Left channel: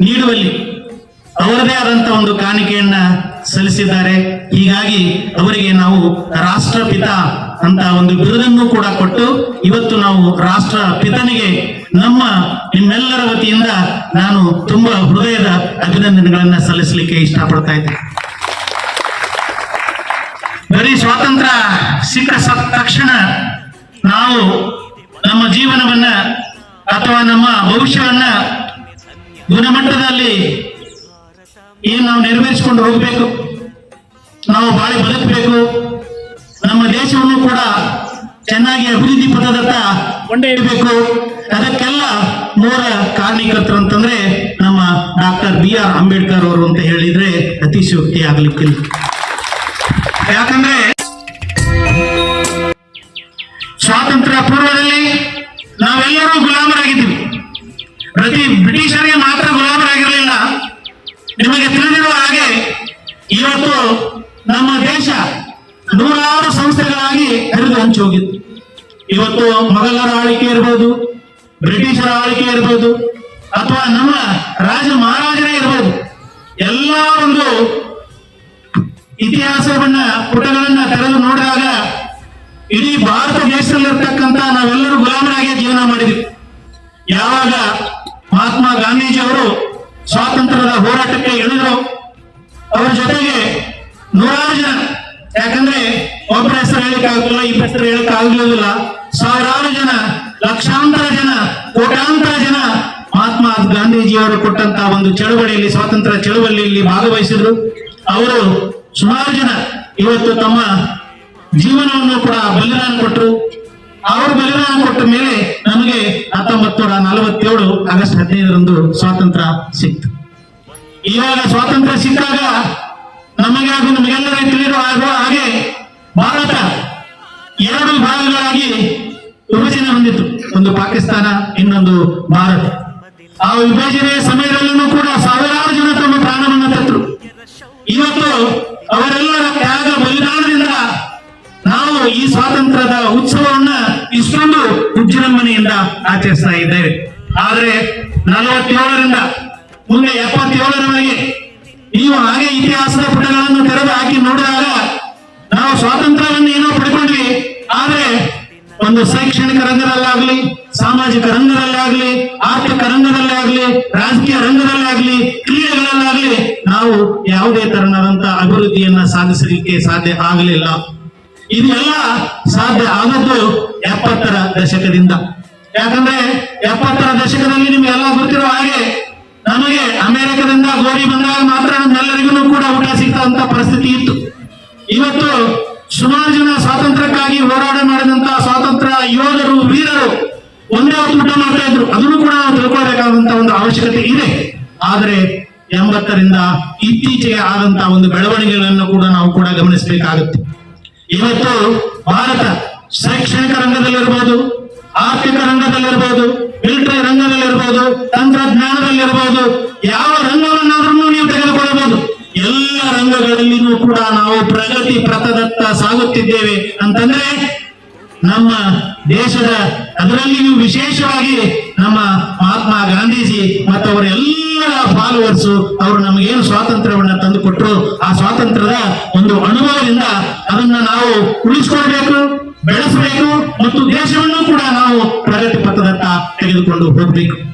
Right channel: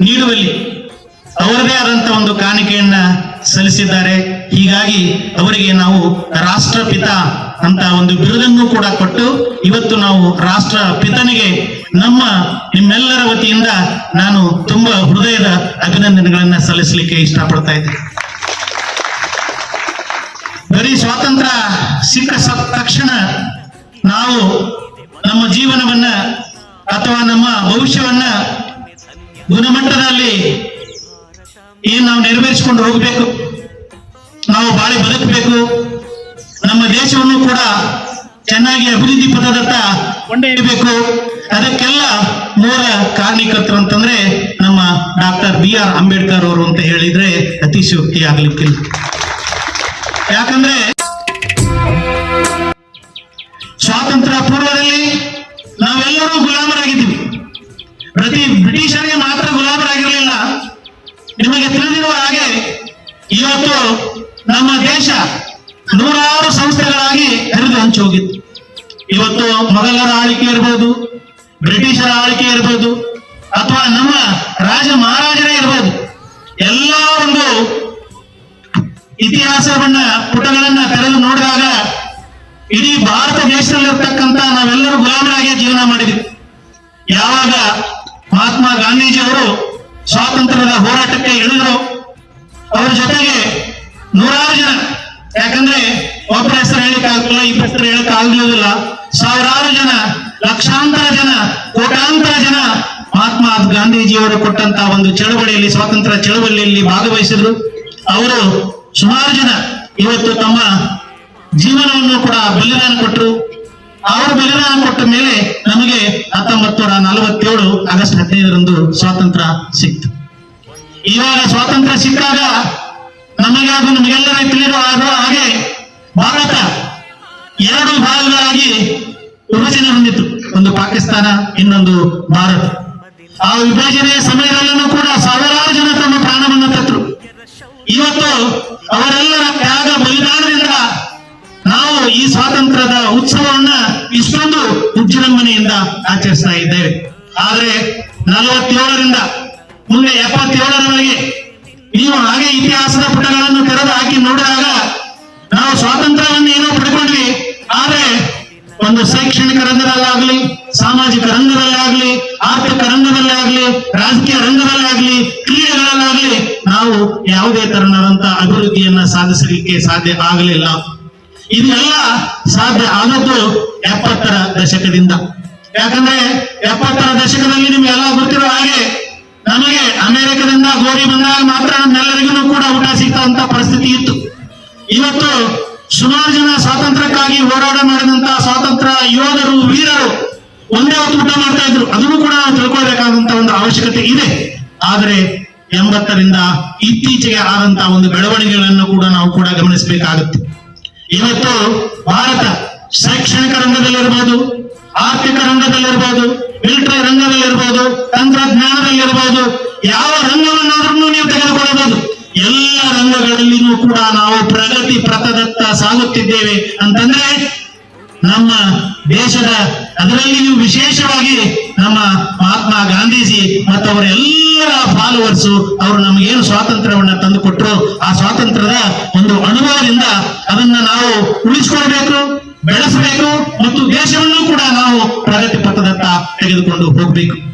ನೀಡುವಲ್ಲಿ ಅವರದೇ ಆದಂತಹ ಒಂದು ಕಾಣಿಕೆಯನ್ನ ಸಲ್ಲಿಸಿದ್ದಾರೆ. ಹೀಗಾಗಿ ಅವರಿಗೆ ನಾವು ರಾಷ್ಟ್ರಪಿತ ಅಂತ ಒಂದು ಬಿರುದನ್ನು ಕೂಡ ಕೊಟ್ಟು ಇವತ್ತು ನಾವು ರಾಷ್ಟ್ರ ಪಿತನಿಗೆ ನಮ್ಮ ನಿಮ್ಮೆಲ್ಲರ ವತಿಯಿಂದ ನಾನು ತುಂಬಾ ಹೃದಯದ ಅಭಿನಂದನೆಗಳನ್ನ ಸಲ್ಲಿಸಲಿಕ್ಕೆ ಇಷ್ಟಪಡ್ತಾ ಇದ್ದೀನಿ. ಬರೀ ಸ್ವಾತಂತ್ರ್ಯ ಸಿಕ್ಕ ತಕ್ಷಣ ನಾವು ನಮ್ಮ ಜೀವನವನ್ನ ಅಥವಾ ನಮ್ಮ ಭವಿಷ್ಯವನ್ನ ಗುಣಮಟ್ಟದಲ್ಲಿ ಏನು ನಾವು ನೆರವೇರಿಸಿಕೊಂಡು ಹೋಗಬೇಕು. ನಾವು ಬಾಳಿ ಬದುಕಬೇಕು. ನಮ್ಮ ದೇಶವನ್ನು ಕೂಡ ಚೆನ್ನಾಗಿ ಅಭಿವೃದ್ಧಿ ಪಥದತ್ತ ಕೊಂಡೊಯ್ಯಬೇಕು ಅದಕ್ಕೆಲ್ಲ ಮೂಲ ಕಾರಣೀಕರ್ತರು ಅಂತಂದ್ರೆ ನಮ್ಮ ಡಾಕ್ಟರ್ ಬಿ ಆರ್ ಅಂಬೇಡ್ಕರ್ ಅವರು ಅಂತ ಹೇಳಿದ್ರೆ ಅತಿಶಯೋಕ್ತಿ ಆಗಲಿಕ್ಕೆ ಯಾಕಂದ್ರೆ ಸ್ವಾತಂತ್ರ್ಯ ಪೂರ್ವದಲ್ಲಿ ನಾವೆಲ್ಲರೂ ಗುಲಾಮರಾಗಿದ್ದೀವಿ. ಪ್ರತಿ ಗುಲಾಮರಾಗಿರಲಿಲ್ಲ ನಿಮಗೆ ತಿಳಿದಿರುವ ಹಾಗೆ ಇವತ್ತು ನಮ್ಮ ದೇಶ ನೂರಾರು ಸಂಸ್ಥೆಗಳಾಗಿ ಹರಿದು ಹಂಚಿ ಹೋಗಿತ್ತು ಇವತ್ತು ಮೊಘಲರ ಆಳ್ವಿಕೆ ಇರ್ಬೋದು, ಬ್ರಿಟಿಷರ ಆಳ್ವಿಕೆ ಇರ್ಬೋದು, ಅಥವಾ ನಮ್ಮ ರಾಜ ಮಹಾರಾಜರೇ ಇರ್ಬೋದು, ಎಲ್ಲ ಒಂದು ಇತಿಹಾಸವನ್ನ, ಪುಟಗಳನ್ನ ತೆರೆದು ನೋಡಿದಾಗ ಇಡೀ ಭಾರತ ದೇಶದಲ್ಲಿರ್ತಕ್ಕಂತ ನಾವೆಲ್ಲರೂ ಗುಲಾಮರಾಗಿ ಜೀವನ ಮಾಡಿದ್ವಿ ಸ್ವಾತಂತ್ರ್ಯದ ಹೋರಾಟಕ್ಕೆ ಇಳಿದ್ರು. ಅವರ ಜೊತೆಗೆ ನೂರಾರು ಜನ. ಯಾಕಂದ್ರೆ ಒಬ್ಬರ ಹೆಸರು ಹೇಳಿಕ್ ಆಗಲ್ಲ ಇಬ್ಬರ ಹೆಸರು ಹೇಳಿಕ್ ಆಗಲಿಲ್ಲ ಸಾವಿರಾರು ಜನ, ಲಕ್ಷಾಂತರ ಜನ ಕೋಟಾಂತರ ಜನ ಮಹಾತ್ಮ ಗಾಂಧೀಜಿಯವರು ಕೊಟ್ಟಂತ ಒಂದು ಚಳವಳಿಯಲ್ಲಿ, ಸ್ವಾತಂತ್ರ್ಯ ಚಳವಳಿಯಲ್ಲಿ ಭಾಗವಹಿಸಿದ್ರು. ಅವರು ಸುಮಾರು ಜನ ಇವತ್ತು ತಮ್ಮ ಜೀವನವನ್ನು ಕೂಡ ಬಲಿದಾನ ಕೊಟ್ಟರು ಅವರು ಬಲಿದಾನ ಕೊಟ್ಟ ಮೇಲೆ ನಮಗೆ ಹತ್ತೊಂಬತ್ತು ನೂರ ನಲವತ್ತೇಳು ಆಗಸ್ಟ್ ಹದಿನೈದರಂದು ಸ್ವಾತಂತ್ರ್ಯ ಸಿಕ್ತು. ಇವಾಗ ಸ್ವಾತಂತ್ರ್ಯ ಸಿಕ್ಕಾಗ ನಮಗೆ ಹಾಗೂ ನಿಮಗೆಲ್ಲರಿಗೂ ತಿಳಿದು ಆಗುವ ಹಾಗೆ ಭಾರತ ಎರಡು ಭಾಗಗಳಾಗಿ ವಿಭಜನೆ ಹೊಂದಿತ್ತು. ಒಂದು ಪಾಕಿಸ್ತಾನ, ಇನ್ನೊಂದು ಭಾರತ. ಆ ವಿಭಜನೆಯ ಸಮಯದಲ್ಲೂ ಕೂಡ ಸಾವಿರಾರು ಜನ ತಮ್ಮ ಪ್ರಾಣವನ್ನು ತತ್ರು ಇವತ್ತು ಅವರೆಲ್ಲರ ತ್ಯಾಗ ಬಲಿದಾನದಿಂದ ನಾವು ಈ ಸ್ವಾತಂತ್ರ್ಯದ ಉತ್ಸವವನ್ನ ಇಷ್ಟೊಂದು ವಿಜೃಂಭಣೆಯಿಂದ ಆಚರಿಸ್ತಾ ಇದ್ದೇವೆ. ಆದ್ರೆ ನಲವತ್ತೇಳರಿಂದ ಮುಂದೆ ಎಪ್ಪತ್ತೇಳರಲ್ಲಿ ನೀವು ಹಾಗೆ ಇತಿಹಾಸದ ಪುಟಗಳನ್ನು ತೆರೆದು ಹಾಕಿ ನೋಡಿದಾಗ ನಾವು ಸ್ವಾತಂತ್ರ್ಯವನ್ನು ಏನೋ ಪಡ್ಕೊಂಡ್ವಿ ಆದ್ರೆ ಒಂದು ಶೈಕ್ಷಣಿಕ ರಂಗದಲ್ಲಾಗ್ಲಿ, ಸಾಮಾಜಿಕ ರಂಗದಲ್ಲಾಗ್ಲಿ, ಆರ್ಥಿಕ ರಂಗದಲ್ಲಿ ಆಗ್ಲಿ ರಾಜಕೀಯ ರಂಗದಲ್ಲಿ ಆಗ್ಲಿ ಕ್ರಿಯೆಗಳಲ್ಲಾಗ್ಲಿ ನಾವು ಯಾವುದೇ ತರನಾದಂತ ಅಭಿವೃದ್ಧಿಯನ್ನ ಸಾಧಿಸಲಿಕ್ಕೆ ಸಾಧ್ಯ ಆಗಲಿಲ್ಲ. ಇದೆಲ್ಲ ಸಾಧ್ಯ ಆದದ್ದು ಎಪ್ಪತ್ತರ ದಶಕದಿಂದ. ಯಾಕಂದ್ರೆ ಎಪ್ಪತ್ತರ ದಶಕದಲ್ಲಿ ನಿಮ್ಗೆಲ್ಲ ಗೊತ್ತಿರೋ ಹಾಗೆ ನಮಗೆ ಅಮೆರಿಕದಿಂದ ಗೋಡಿ ಬಂದಾಗ ಮಾತ್ರ ನಮ್ಮೆಲ್ಲರಿಗೂ ಕೂಡ ಊಟ ಸಿಗ್ತಂತ ಪರಿಸ್ಥಿತಿ ಇತ್ತು. ಇವತ್ತು ಸುಮಾರು ಜನ ಸ್ವಾತಂತ್ರ್ಯಕ್ಕಾಗಿ ಹೋರಾಟ ಮಾಡಿದಂತ ಸ್ವಾತಂತ್ರ್ಯ ಯೋಧರು, ವೀರರು ಒಂದೇ ಹೊತ್ತು ಊಟ ಮಾಡ್ತಾ ಇದ್ರು. ಅದನ್ನು ಕೂಡ ನಾವು ತಿಳ್ಕೊಳ್ಬೇಕಾದಂತ ಒಂದು ಅವಶ್ಯಕತೆ ಇದೆ. ಆದ್ರೆ ಎಂಬತ್ತರಿಂದ ಇತ್ತೀಚೆಗೆ ಆದಂತಹ ಒಂದು ಬೆಳವಣಿಗೆಗಳನ್ನು ಕೂಡ ನಾವು ಕೂಡ ಗಮನಿಸಬೇಕಾಗುತ್ತೆ. ಇವತ್ತು ಭಾರತ ಶೈಕ್ಷಣಿಕ ರಂಗದಲ್ಲಿರ್ಬೋದು, ಆರ್ಥಿಕ ರಂಗದಲ್ಲಿರ್ಬೋದು ಮಿಲಿಟರಿ ರಂಗದಲ್ಲಿರ್ಬೋದು, ತಂತ್ರಜ್ಞಾನದಲ್ಲಿರ್ಬೋದು ದೇಶದ ಅದರಲ್ಲಿಯೂ ವಿಶೇಷವಾಗಿ ನಮ್ಮ ಮಹಾತ್ಮ ಗಾಂಧೀಜಿ ಮತ್ತು ಅವರೆಲ್ಲರ ಫಾಲೋವರ್ಸ್ ಅವರು ನಮಗೇನು ಸ್ವಾತಂತ್ರ್ಯವನ್ನ ತಂದು ಕೊಟ್ಟರು ಆ ಸ್ವಾತಂತ್ರ್ಯದ ಒಂದು ಅನುಭವದಿಂದ ಅದನ್ನ ನಾವು ಉಳಿಸ್ಕೊಳ್ಬೇಕು, ಬೆಳೆಸಬೇಕು ಮತ್ತು ದೇಶವನ್ನು ಕೂಡ ನಾವು ಪ್ರಗತಿ ಪಥದತ್ತ ತೆಗೆದುಕೊಂಡು ಹೋಗ್ಬೇಕು.